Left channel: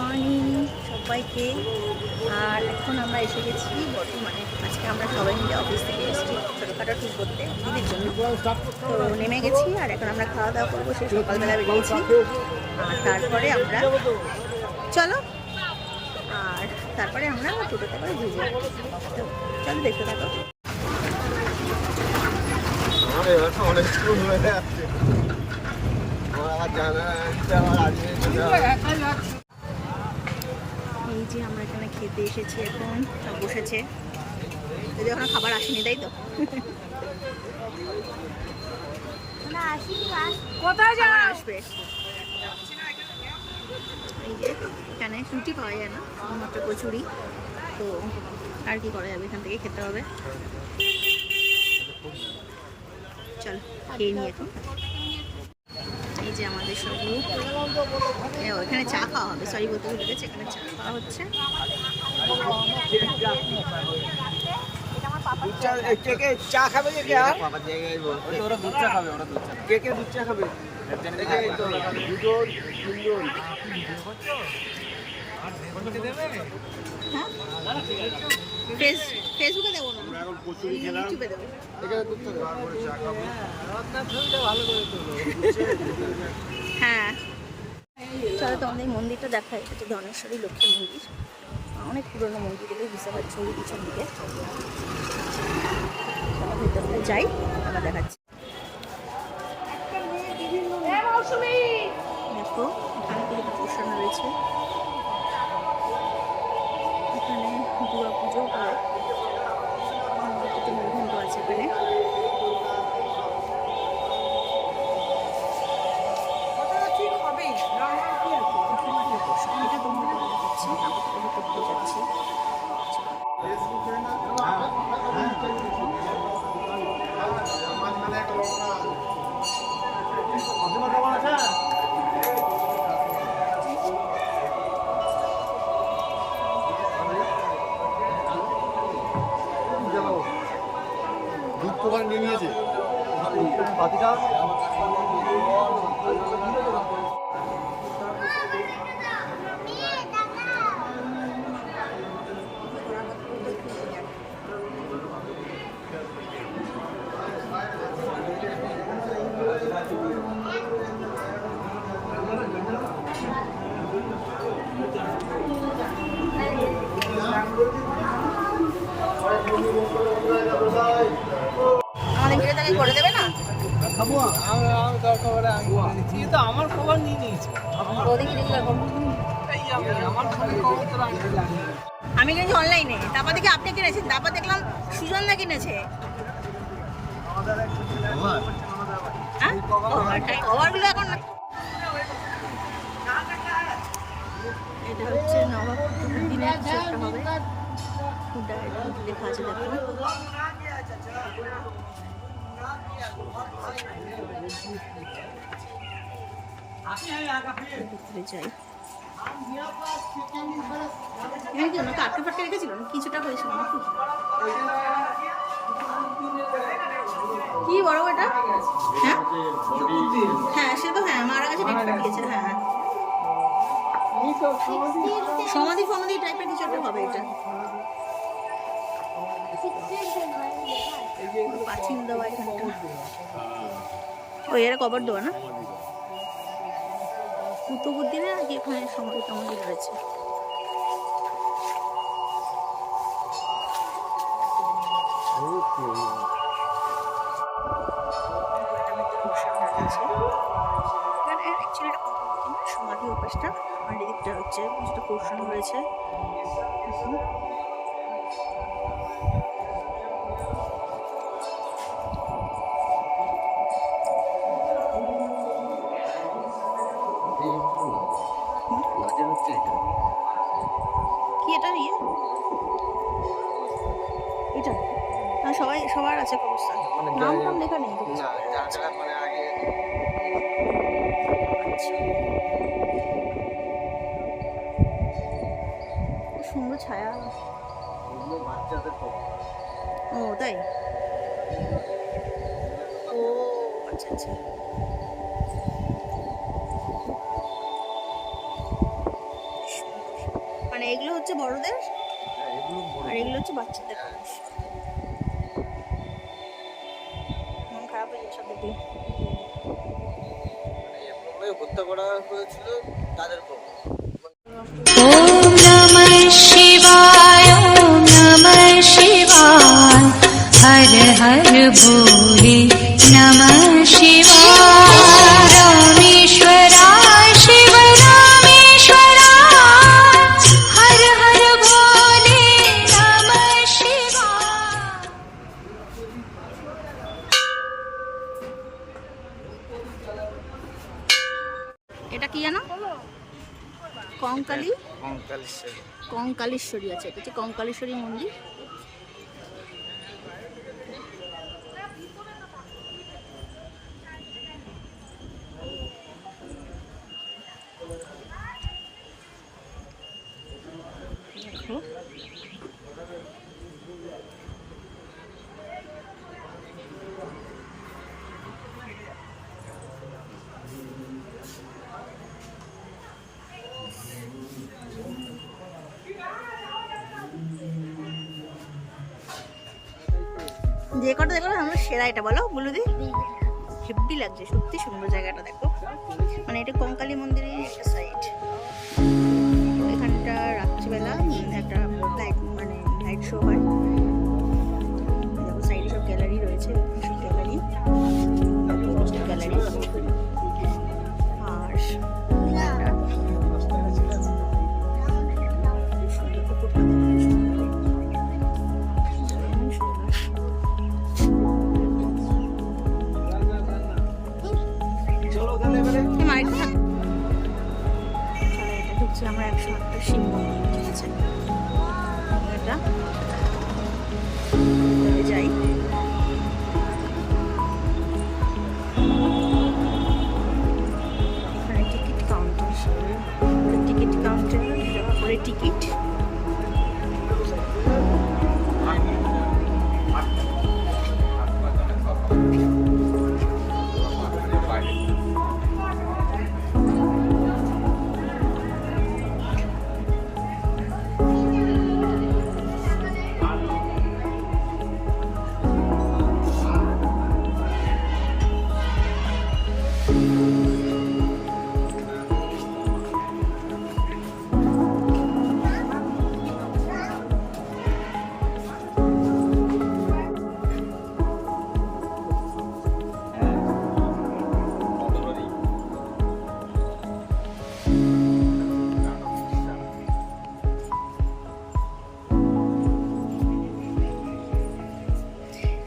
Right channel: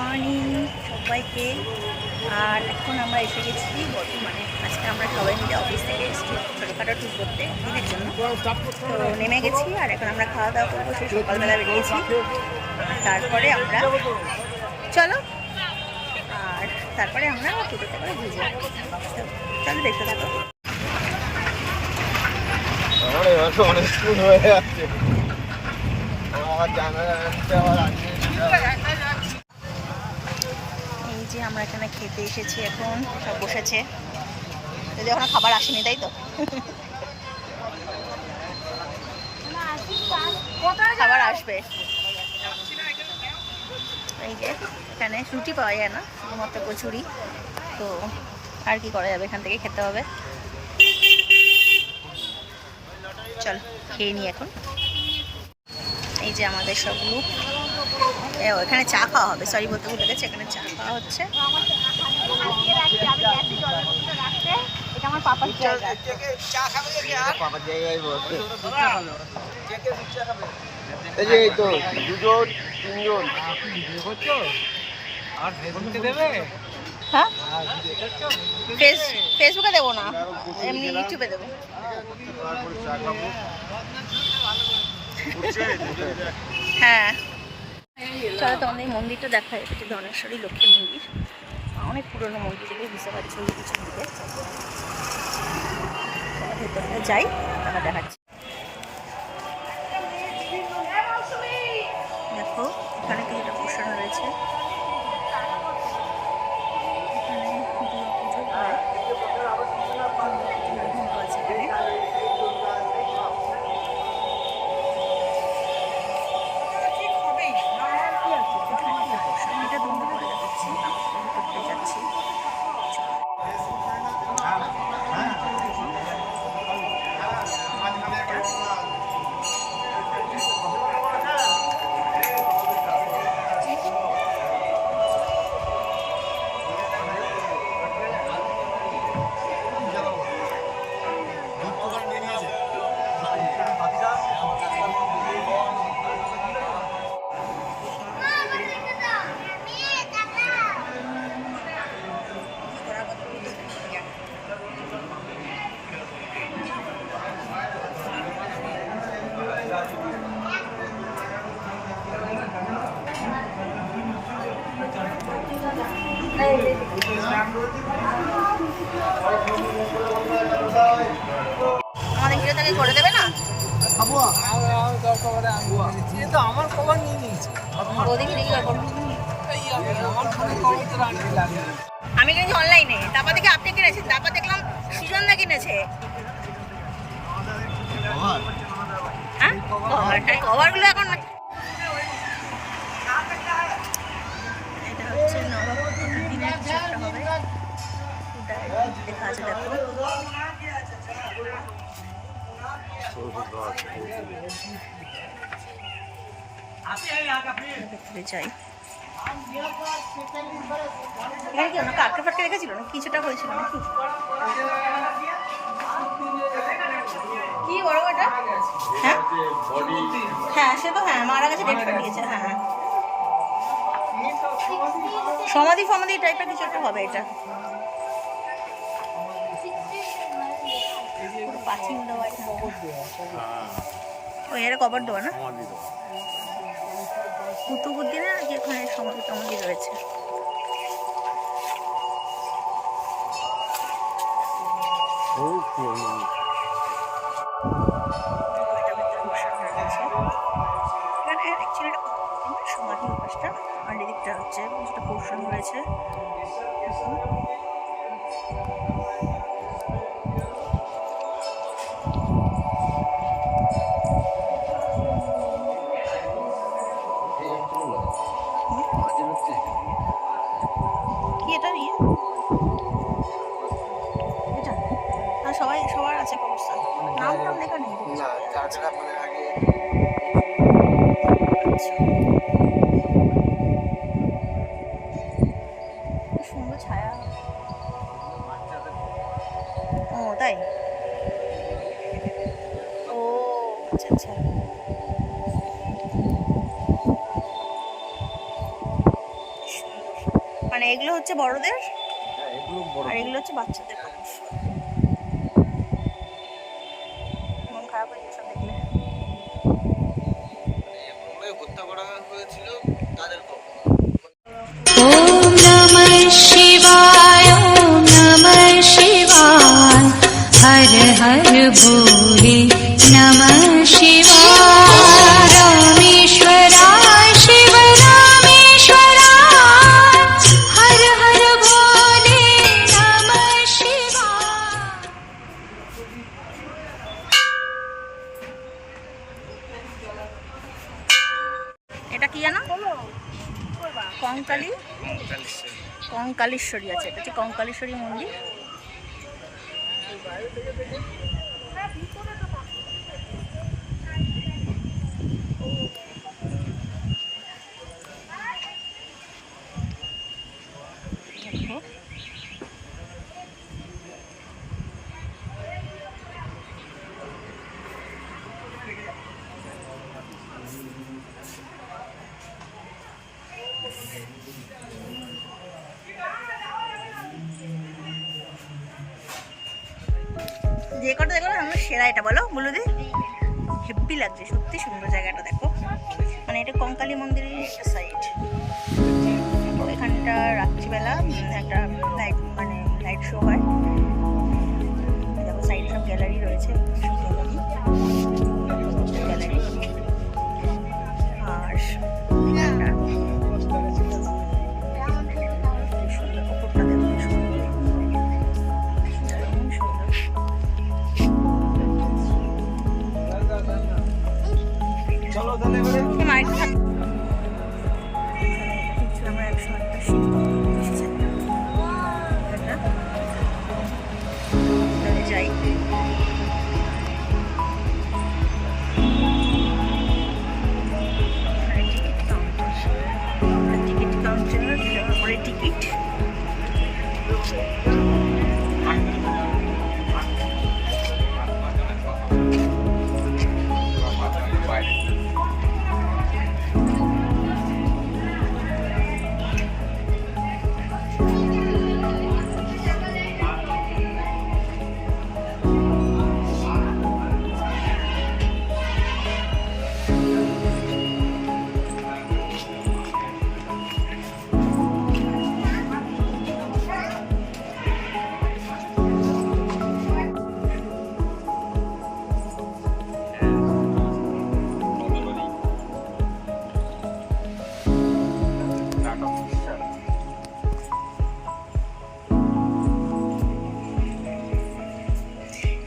Morning সবাইকে। আর এখন আমরা এসে গেছি বর্তমানে। আজকে আমরা সবাই মিলে অফিস থেকে এসেছি ছোটোখাটো ট্যুর করতে দিনের জন্য। তো নেমে গেছি আর এখন আমরা খাওয়া দাওয়া করবো। সেই সকালবেলা বেরিয়েছি আর তারপরে আমরা চলো আর তারপরে আমরা টোটোতে করে ঘুরে যাবো। তো চলো দেখতে থাকো। এই যে আমরা এখানে খেতে এসেছি, এখন সব বসেছে, যদি এখন খাবার আসেনি তাই তো। খাবার আসবে। এই যে এখানে রুটি পাওয়া যায় না, শুধুমাত্র কচুরি। তো আর কি করা যাবে, এখান থেকে খেতে হবে। চলো খেয়ে নিই এখন। এই যে আমাদের সব গ্রুপ, এখানে চা খাওয়া হবে। সরি বলতে ভুলে গেছে, এখানে চা খাওয়া হচ্ছে। হ্যাঁ, ফেসবুকে দেবো না, এমনি ইউটিউবে দেবো। হ্যাঁ চলো তোমাদের এই মন্দিরটা দেখায়। এটা হচ্ছে ধনেশ্বরী লক্ষ্মী মন্দির, অনেক পুরনো মন্দির, দেখে বুঝতে পারছি ওই পিছন দিকে। ভেতরটা যাই, তারপর দেখাচ্ছি। দেখো এখানে কিছুটা পোষানো রয়েছে, এখানে দুর্গা পুজো হয়, কিছু মূলঘণ্ট আছে এখানে। এটা তোমরা পরে দেখাচ্ছি, আমরা সবাই ভিতরটায় যাচ্ছি। আমাদের ভিডিওটাকে করে দেবে না? আমি কিনেছি অনলাইনে, তারপর দেখি আপনি কিনেছেন, তারপর দেখলাম সুজনদা কিনেছে। হ্যাঁ কভারগুলো এখন। এটা হচ্ছে নবাবদিনের কিছু একটা হবে, লেখা আছে দেখো। ভেতরে যাই। এখানে কি ওনাকে আটকে ফাটকে রেখেছিল না, কিছুটা হয়েছিল নাকি? কি বড় এটা? হ্যাঁ হ্যাঁ সে তো, হ্যাঁ মারা গেছে, ডেট ফেট দিয়েছে। হ্যাঁ সমাধি ফমাধি টাইপের কিছু একটা হবে এটা। পাঁচিল দেওয়া এখানটা, ওই এরা কভার দেওয়া না, কুতুবুদ্দিনের আর কি এখানে সমাধি টমাধি রয়েছে। সমাধি উপাসটা, আর এদিকটা হচ্ছে যেটা পোর্শন রয়েছে। কি এটা ইয়ে, এটা সবাই সবার আছে কবরস্থান, নাম টাম লেখা নেই। সুন্দর ছায়া। ও তাই, ও আচ্ছা আচ্ছা। সুন্দর মানে এগুলো হচ্ছে বড়দের আর এগুলো হচ্ছে বাচ্চাদের খরগোশ। মন খারাপ হয়ে যাচ্ছে দেখলে। ओम नमः शिवाय ओम नमः शिवाय हर हर भोले नमः शिवाय रामेश्वराय शिव रामेश्वराय हर हर भोले नमः शिवाय। এটা কি জানো? কঙ্কালেশ্বরী আছে, এটা হচ্ছে কঙ্কালেশ্বরী মন্দির। দেখো যে কটা দেখো আমরা সেরা, এটা বলো বলুদি। হেব্বি লাগছে, সত্যি সুন্দর জায়গাটা দেখো। মানে এটা কঙ্কালী মন্দিরের একটা সাইড। এখানটা রাত্রিবেলা একটা লাইট মানে লাইট শো হয়। দেখো সাইডে সব গ্যালারি রয়েছে, সব গ্যালারি গ্যালারি। আর এখানটা সুন্দর, উপরটা দেখো সুন্দর, দারুণ সুন্দর। আমরা 108টা শিব মন্দির, ঠিক আছে? এটা ভিতরে যাই। এখানে টিকিট কাউন্টার, টিকিট কাউন্টার টাকা করে টিকিট।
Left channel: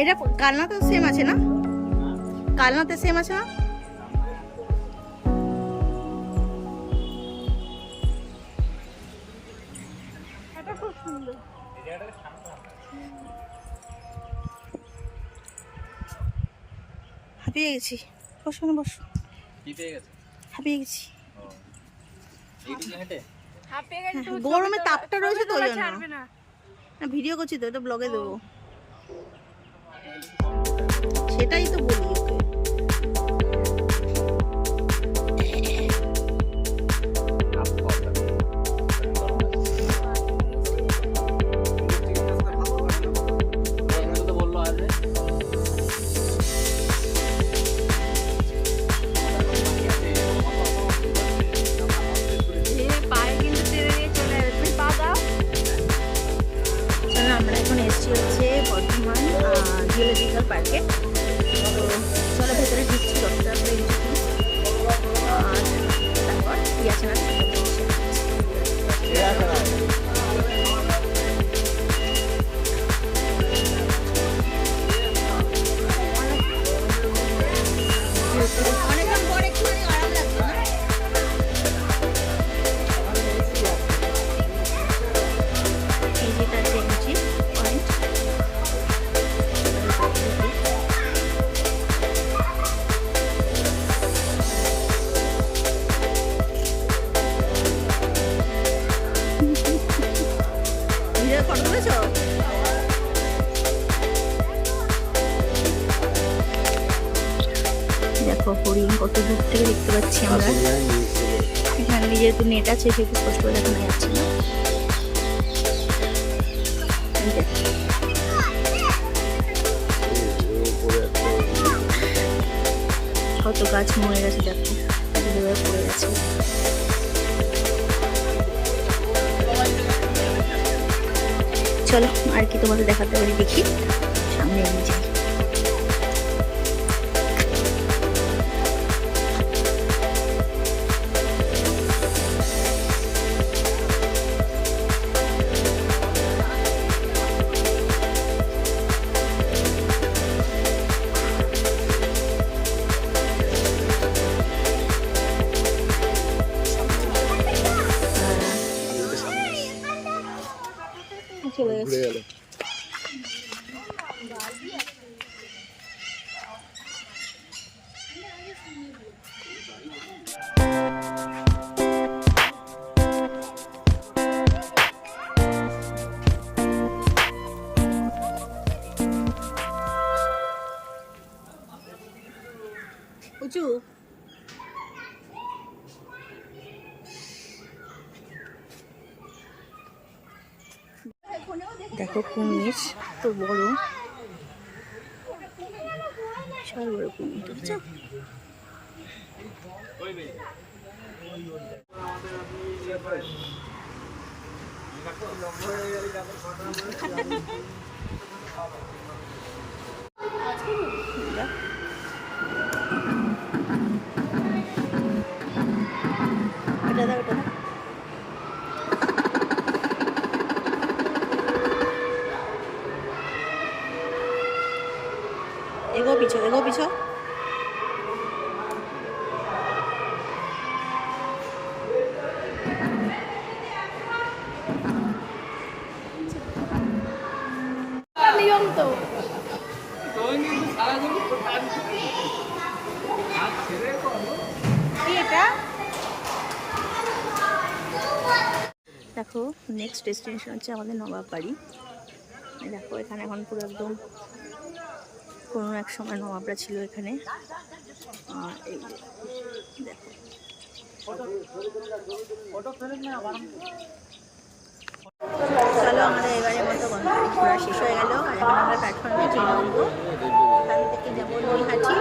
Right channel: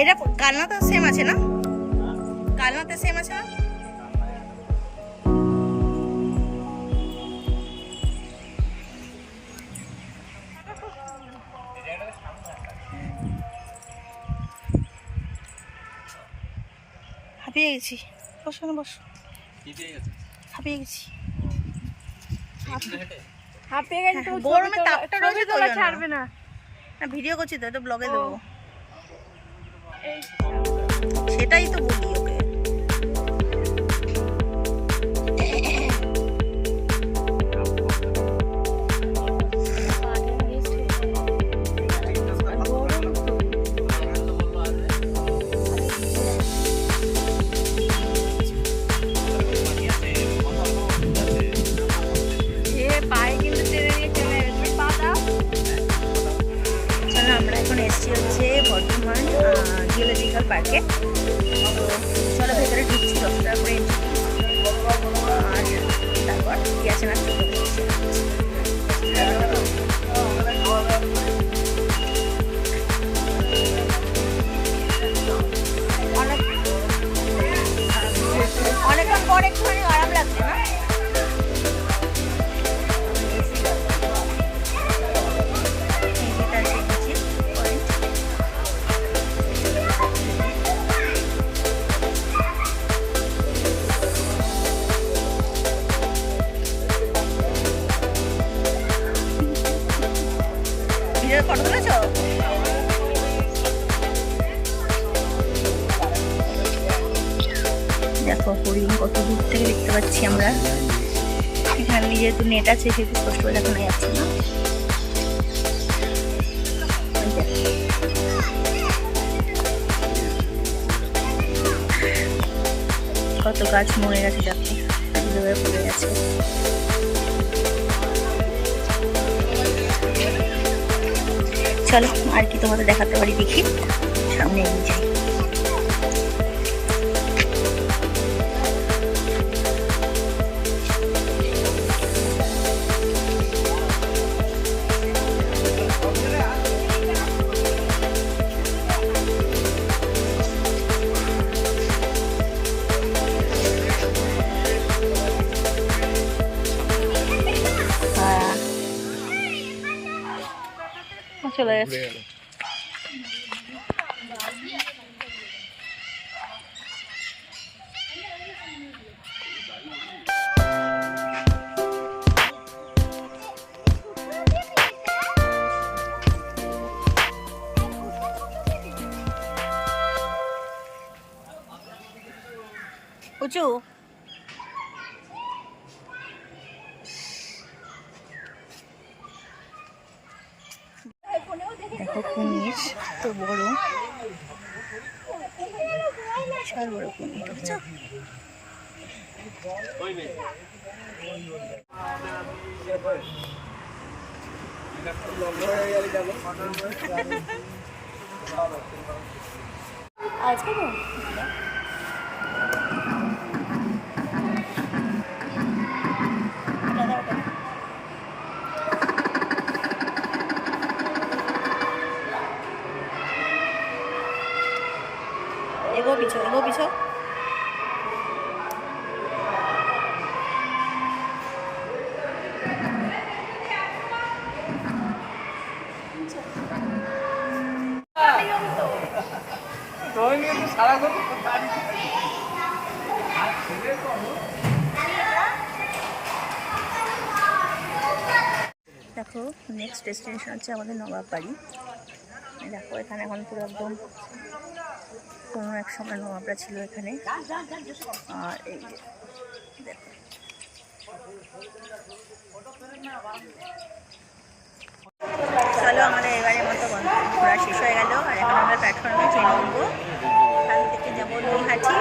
এটা কালনাতে সেম আছে না? কালনাতে সেম আছে না? হাঁপিয়ে গেছি, বসো না বসো। হাঁপিয়ে গেছি, গরমে তাপটা রয়েছে তো ওই জন্য। না ভিডিও করছি তো, এটা ব্লগে দেবো, সেটাই তো বলি ওকে। আমরা এখন এসেছি হচ্ছে বর্ধমান জিওলজিক্যাল পার্কে। তো চলো ভেতরে ঢুকছি, 10 টাকা করে এন্ট্রি। আর তারপর কি আছে না অনেকক্ষণ পর একটুখানি আরাম লাগছে না? ফটো তুলেছ? দেখো হরিণ কত দূর থেকে দেখতে পাচ্ছি আমরা। এখানে যেহেতু নেট আছে সেহেতু স্পষ্ট করে দেখানো যাচ্ছে না। এই দেখো। কত গাছ মরে গেছে দেখো, এগুলো পড়ে গেছে। চলো আর কি তোমাদের দেখাতে পারি দেখি, সামনে এগিয়ে যাই। চলে গেছে। উঁচু দেখো কুমির তো বড়, বিশাল বড় কুমির, বুঝছো? ওটা দাও, ওটা দাও। এগো পিছো, এগো পিছো। দেখো নেক্সট ডেস্টিনেশন হচ্ছে আমাদের নবাব বাড়ি। দেখো এখানে এখন পুরো একদম কোনো এক সময় নবাবরা ছিল এখানে। আর এই যে দেখো, চলো আমাদের এবারের মতো ঘোরা শেষ হয়ে গেল। আর এখন আমরা প্ল্যাটফর্মে ট্রেনে উঠবো, এখান থেকে যাবো নৈহাটি।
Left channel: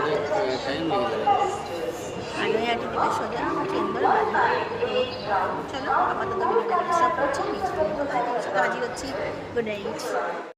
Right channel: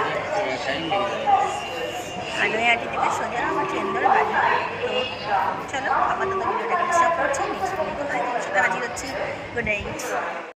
আর নৈহাটি থেকে সোজা আমার ট্রেন ধরে বাড়ি। তো চলো আপাতত ভিডিওটা এখানে স্টপ করছি, নেক্সট ভিডিও তোমার সাথে হাজির হচ্ছি। Good night.